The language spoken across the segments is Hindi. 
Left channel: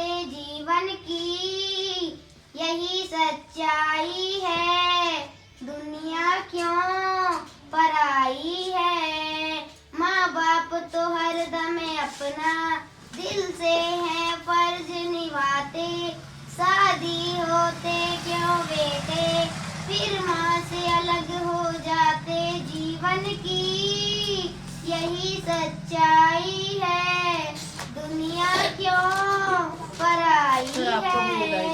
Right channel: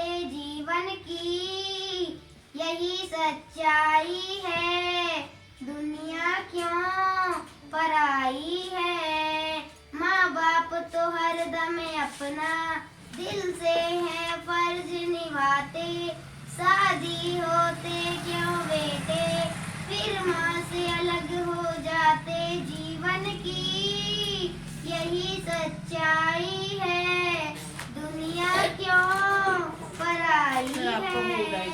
जाते जीवन की, यही सच्चाई है। दुनिया क्यों पराई है, माँ बाप तो हरदम अपना दिल से है फर्ज निभाते। शादी होते क्यों बेटे, फिर माँ से अलग हो जाते जीवन की, यही सच्चाई है। दुनिया क्यों पराई है,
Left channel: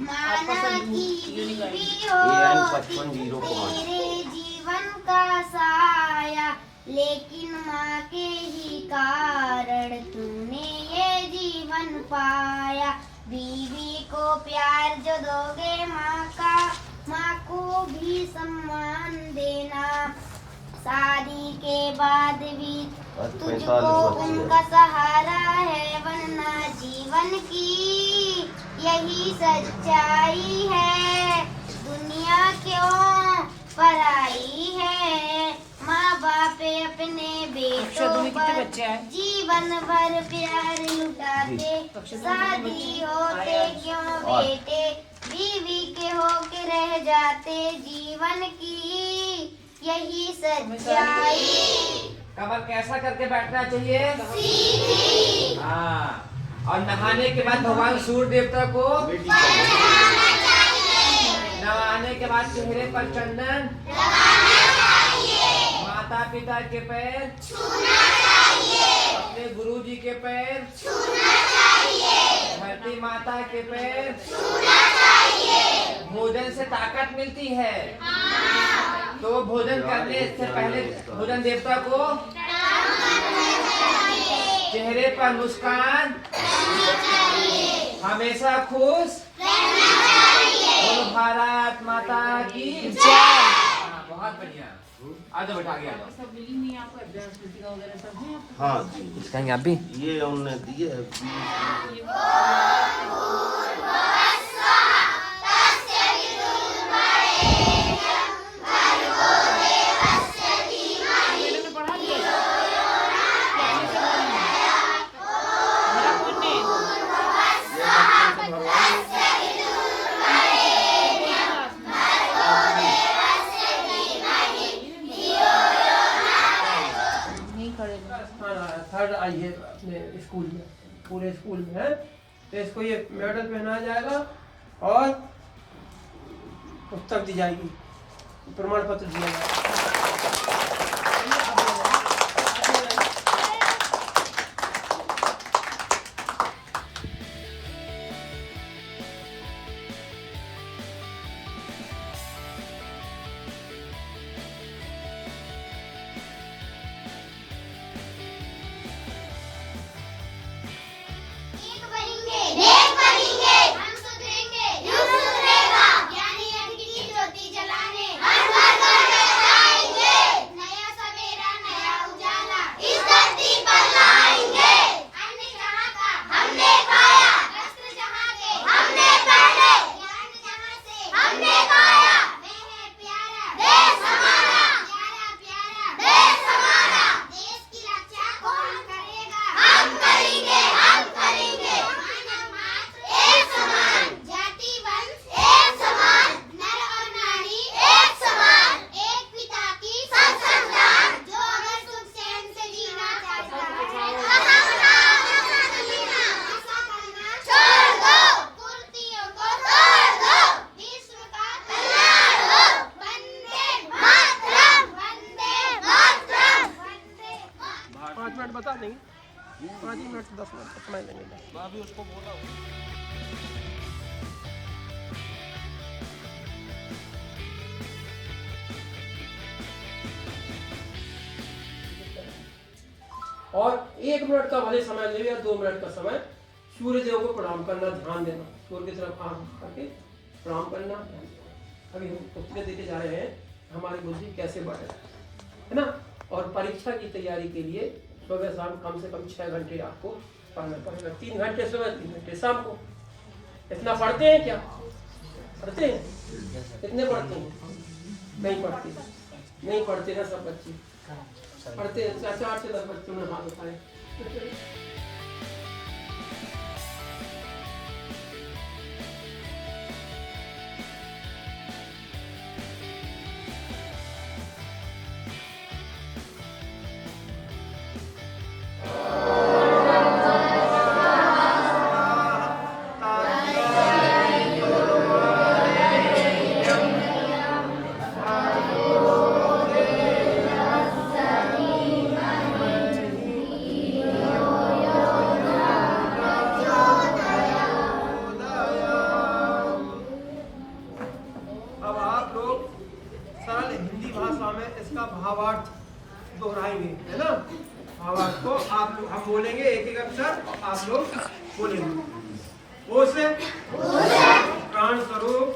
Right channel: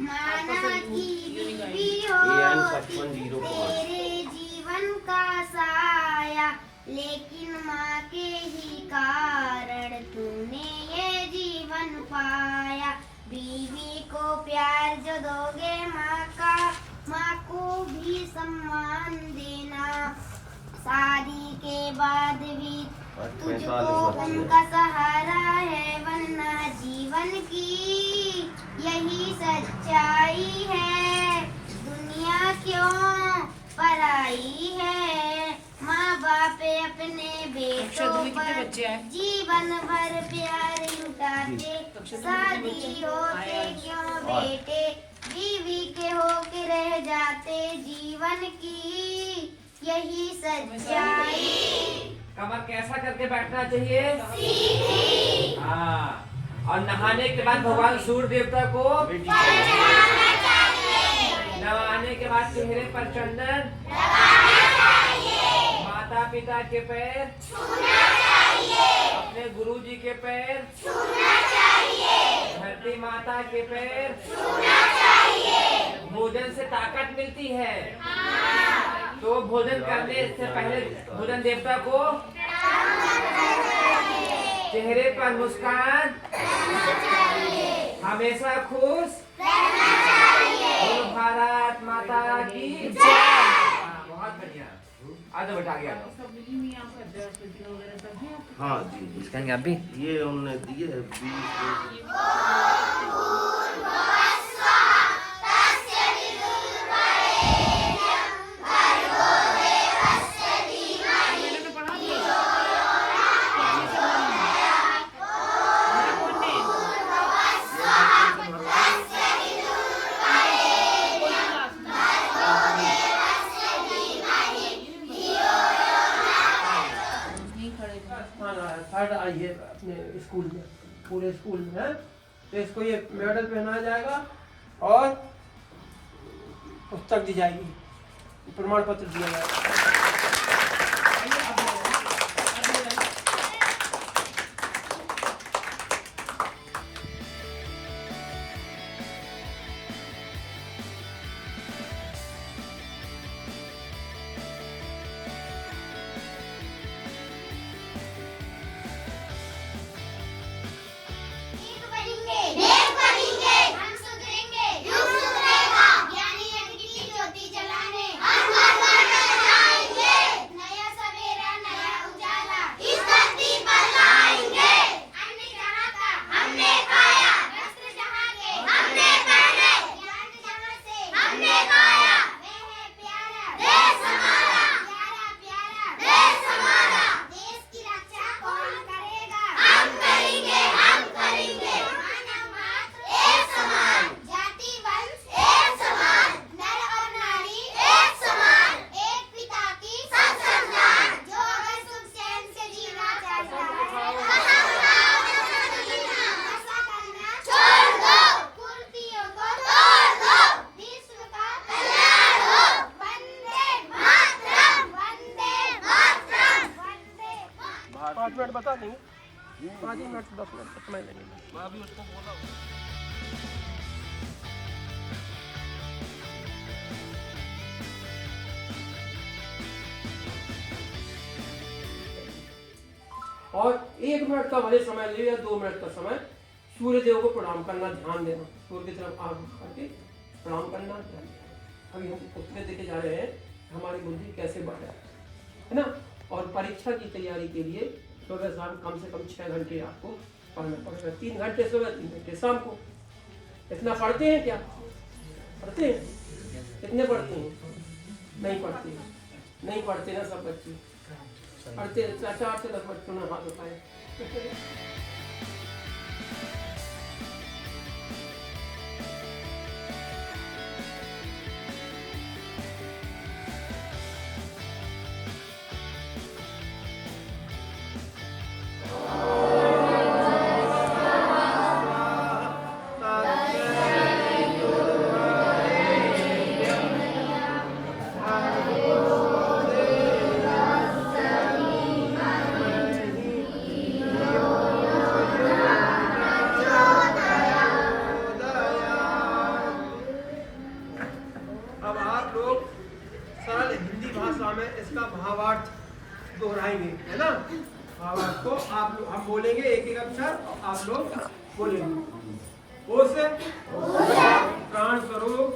माना की बीवी हो तेरे जीवन का साया, लेकिन माँ के ही कारण तूने ये जीवन पाया। बीवी को प्यार जो दोगे माँ का, माँ को भी सम्मान देना। शादी के बाद भी तुझको उनका सहारा है बनना जीवन की, यही सच्चाई है। दुनिया क्यों पराई है, माँ बाप अपने बेटों पर जीवन भर प्यार लुटाते। शादी होते क्यों बेटे, बीवी के होके रह जाते जीवन की, यही सच्चाई। कमर कैसा करके बैठना चाहिए? सीधी। हाँ, और नहाने के बाद भगवान सूर्य देवता को नहाना चाहिए। नहाने के बाद चेहरे पर चंदन लगाना चाहिए। माता पिता के पैर छूना चाहिए। अपने गुरु जी के पैर छूना चाहिए। धरती माता के पैर छूना चाहिए। भोजन से ताकत मिलती है। तो भोजन करने से पहले भोजन देवता को चेहरे पर मुस्कान, हमेशा खुश बोलो भारत माता की जय। बहुत बढ़िया, आज बैठा गया। हाँ जी, इसका आप भी ये उन्होंने दिए है। थर्ड आई है अपने स्कूल में, पूरे स्कूल में है। तो इसको ये मेडल पहनाया जाएगा और पुस्तक दी जाएगी, प्रमाण पत्र दिया जाएगा। बता देंगे 5 मिनट 10 मिनट अपना ही लगेगा। मैं अभी उसको बोला और 1 मिनट का भले समय ले या 2 मिनट का समय सूर्य देव को प्रणाम करना, ध्यान देना, सूर्य की तरफ आंख करके प्रणाम करना। अभी हम पुस्तकें देखे जा रहे हैं हमारी बुद्धि कैसे बढ़े, है ना। और परीक्षा की तैयारी के लिए सुबह शाम कम से कम 6 घंटे आपको पढ़ना पड़ेगा। 3 घंटे सुबह 3 घंटे शाम को। इतना पढ़ते हैं क्या? पढ़ते हैं? कितने पढ़ते हैं? नहीं पढ़ते, नहीं पढ़ते ना सब बच्चे। पढ़ते 4 से 10 बच्चों ने हाथ उठाए। आवाज को आप लोग हम बोलेंगे, एक एक अक्षर आप लोग बोलेंगे। ओ से प्राण स्वरूप,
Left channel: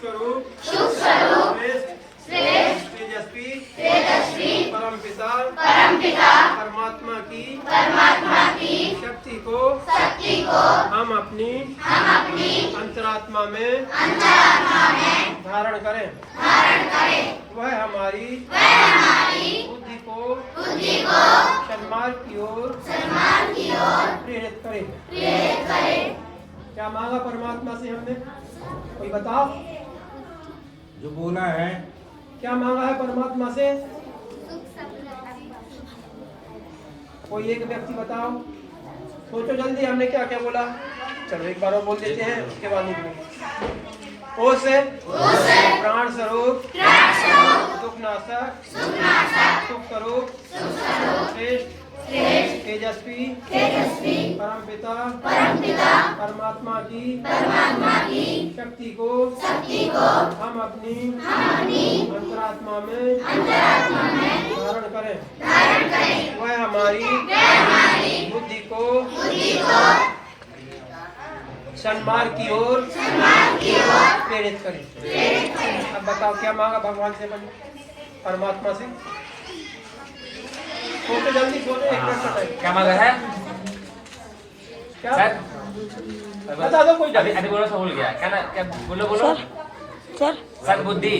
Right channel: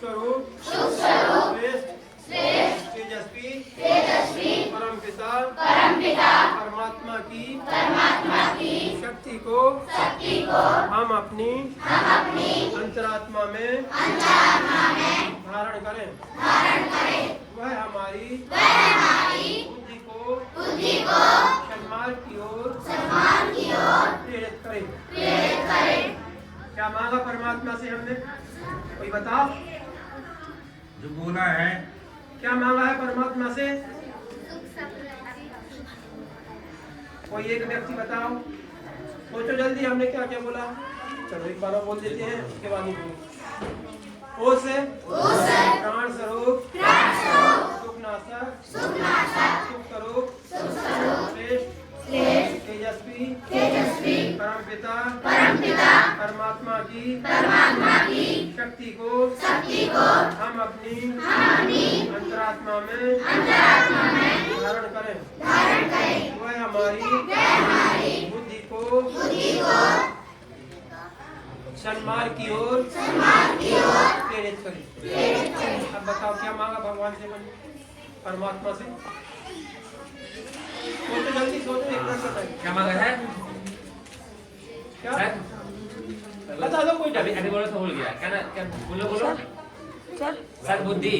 स्वरूप, श्रेष्ठ, तेजस्वी, परम पिता, परमात्मा की शक्ति को हम अपनी अंतरात्मा में धारण करें। वह हमारी बुद्धि को सन्मार्ग की ओर प्रेरित करे। क्या मांगा परमात्मा से हमने? कोई बताओ, जो बोला है। क्या मांगा है परमात्मा से? कोई एक व्यक्ति बताओ, सोचो जल्दी, हमने क्या क्या बोला। चलो एक बार और बोल देते हैं, उसके बाद नहीं बोलेंगे। ओ से प्राण स्वरूप, सुख नाशक, सुख स्वरूप, श्रेष्ठ, तेजस्वी, परम पिता, परमात्मा की शक्ति को हम अपनी अंतरात्मा में धारण करें। वह हमारी बुद्धि को सन्मार्ग की ओर प्रेरित करें। अब बताओ क्या मांगा भगवान से, परमात्मा से? सोचो जल्दी, सोचो, एक मिनट। क्या मांगा है? क्या सर बता दो कोई। अभी बोलो तो भूल गया। क्या ना, क्या बोलो सर बुद्धि।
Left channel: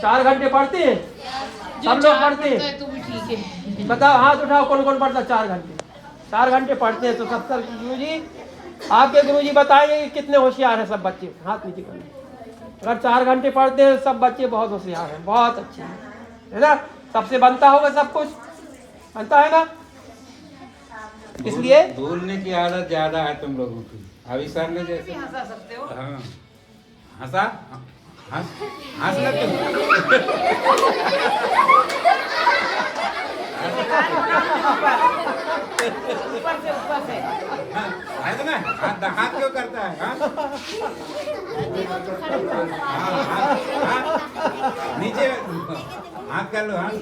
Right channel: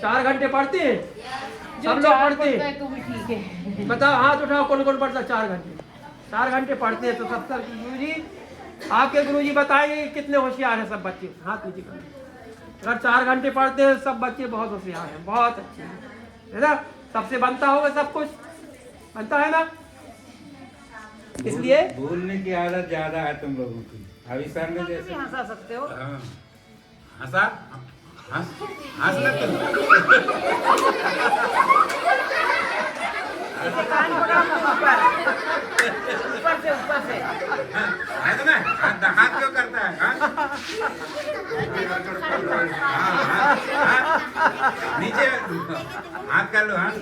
चार घंटे पढ़ते हैं, सब लोग पढ़ते हैं। तू भी ठीक है। बताओ, हाथ उठाओ, कौन कौन पढ़ता? 4 घंटे। 4 घंटे पढ़ते हैं तो सत्तर गुरुजी, आपके गुरुजी बताएंगे कि कितने होशियार हैं सब बच्चे। हाथ नीचे करें। अगर 4 घंटे पढ़ते हैं सब बच्चे बहुत होशियार हैं, बहुत अच्छे हैं, है ना? सबसे बनता होगा, सब कुछ बनता है ना? इसलिए बोलने की आदत ज्यादा है तुम लोगों की। अभी सर ने जैसे हंसा सकते हो। हाँ, हंसा हंस लेते है तो ना, हाथ क्यों करता है? नीचे हाथ कर लो। हाँ,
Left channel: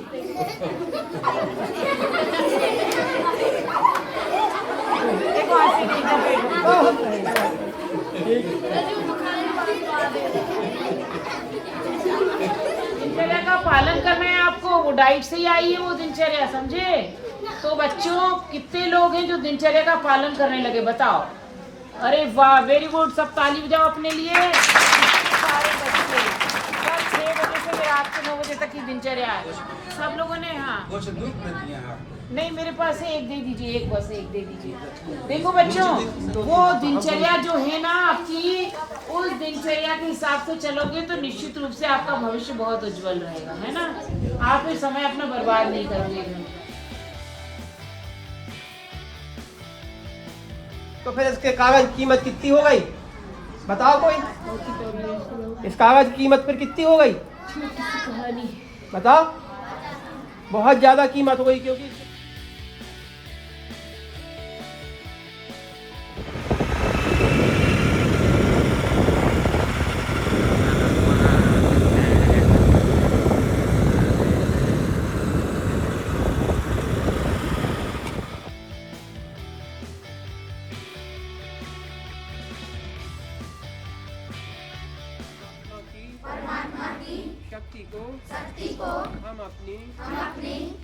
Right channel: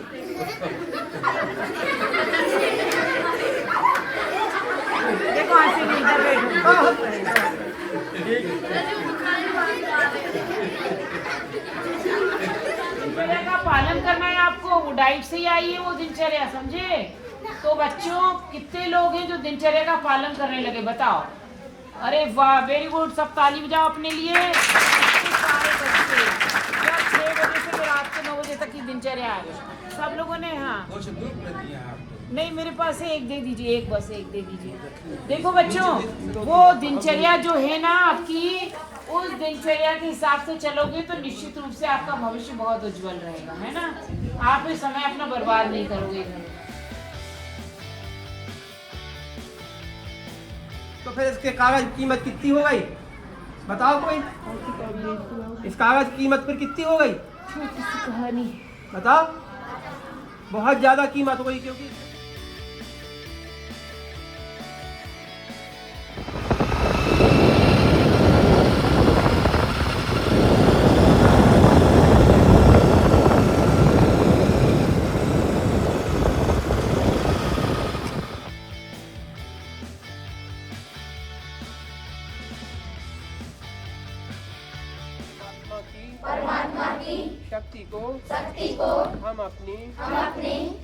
दिनचर्या का पालन करना है आपको, वो डाइट से ही आई है वो दिनचर्या, समझे? तो बच्चों, कितने लोग हैं जो दिनचर्या का पालन करने लगे, बताओ? अरे वाह, वेरी गुड, सब ताली बजाओ अपने लिए। 6 बजे से रात के 9 बजे तक की दिनचर्या है सब लोगों ने। हाँ, नहीं, मेरे पास है, एक दे दीजिए, एक बस एक दे दीजिए। देखो बच्चों, वो दिनचर्या जो है ना आपकी, उस दिनचर्या के हिसाब से चलोगे तो निश्चित रूप से आपका भविष्य बहुत उज्जवल रहेगा, है ना? आप ये समय अपना बर्बाद नहीं करोगे। तो फिर इसके कागज की कीमत कितनी हो गई? बताओ कोई। इस कागज की कीमत फिर कितनी हो गई? बताओ। बहुत ज्यादा कीमत हो गई, क्योंकि परमात्मा की शक्ति को हम अपनी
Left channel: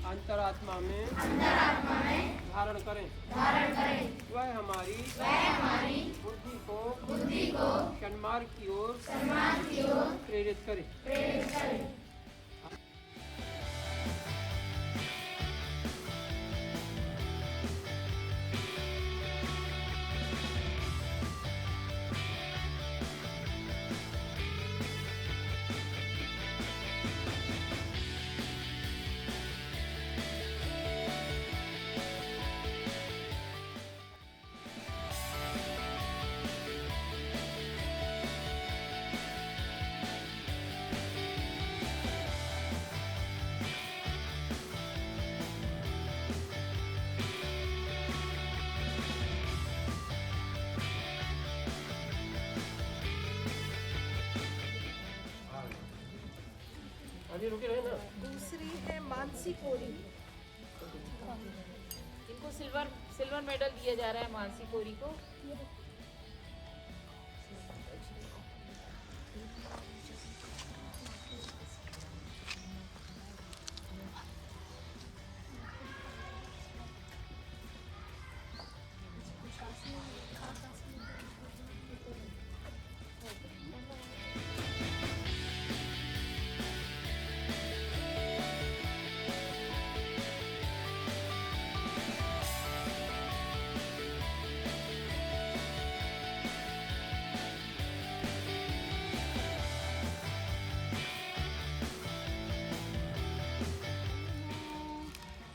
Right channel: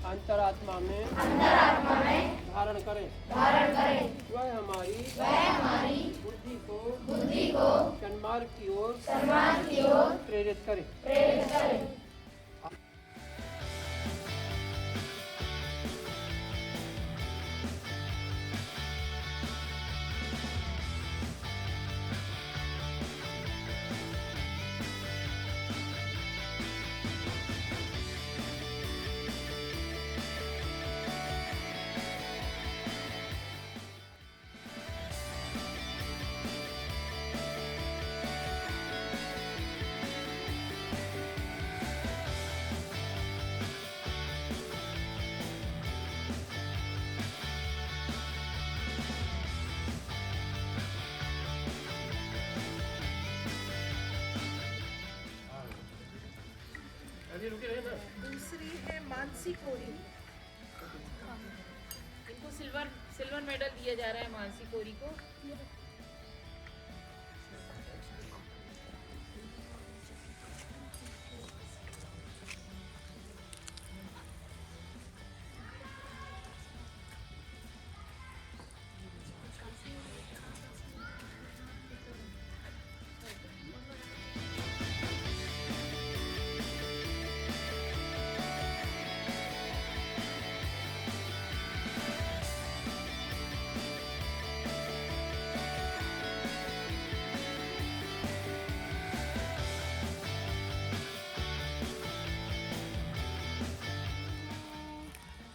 अंतरात्मा में धारण करें। वह हमारी बुद्धि को सन्मार्ग की ओर प्रेरित करे। मानसी कोरी, इनको सिल्वर मेडल दिया जा रहा है मानसी कोरी को।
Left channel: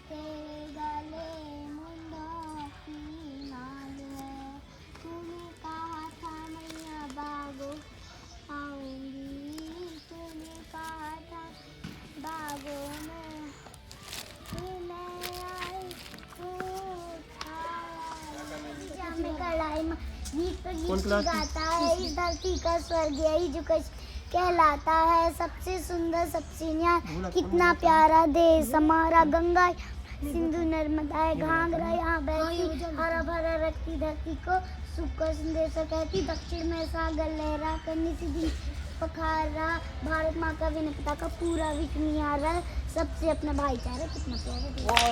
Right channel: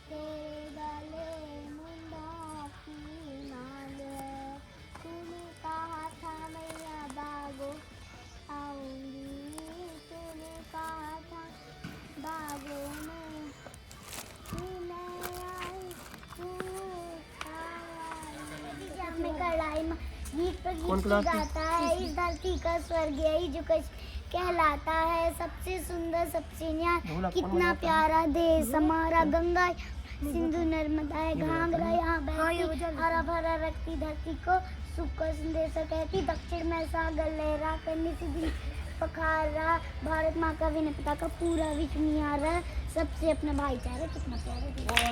तेरे गले मुंडों की माल है, तूने कहा था मैया बागो आऊंगी, तूने कहा था बागों में मैं आई, तू में कढ़ाई में गीत पर गीत गाता है, इस धरती का स्वर्ग यही जो कहलाता है, सबसे सुंदर सबसे न्याय, कितना प्यारा देश हमारा, गंगा सिंधु नर्मदा है घाघरा यहाँ बहती, हरा भरा रखती धरती को सुख का संदेश कहती, दक्षिण में सागर लहरा कर निधि पखार रहा, भारत माँ का विनय पता का पूरा विश्व निहार रहा, सबसे अपना भाईचारा कितना प्यारा देश।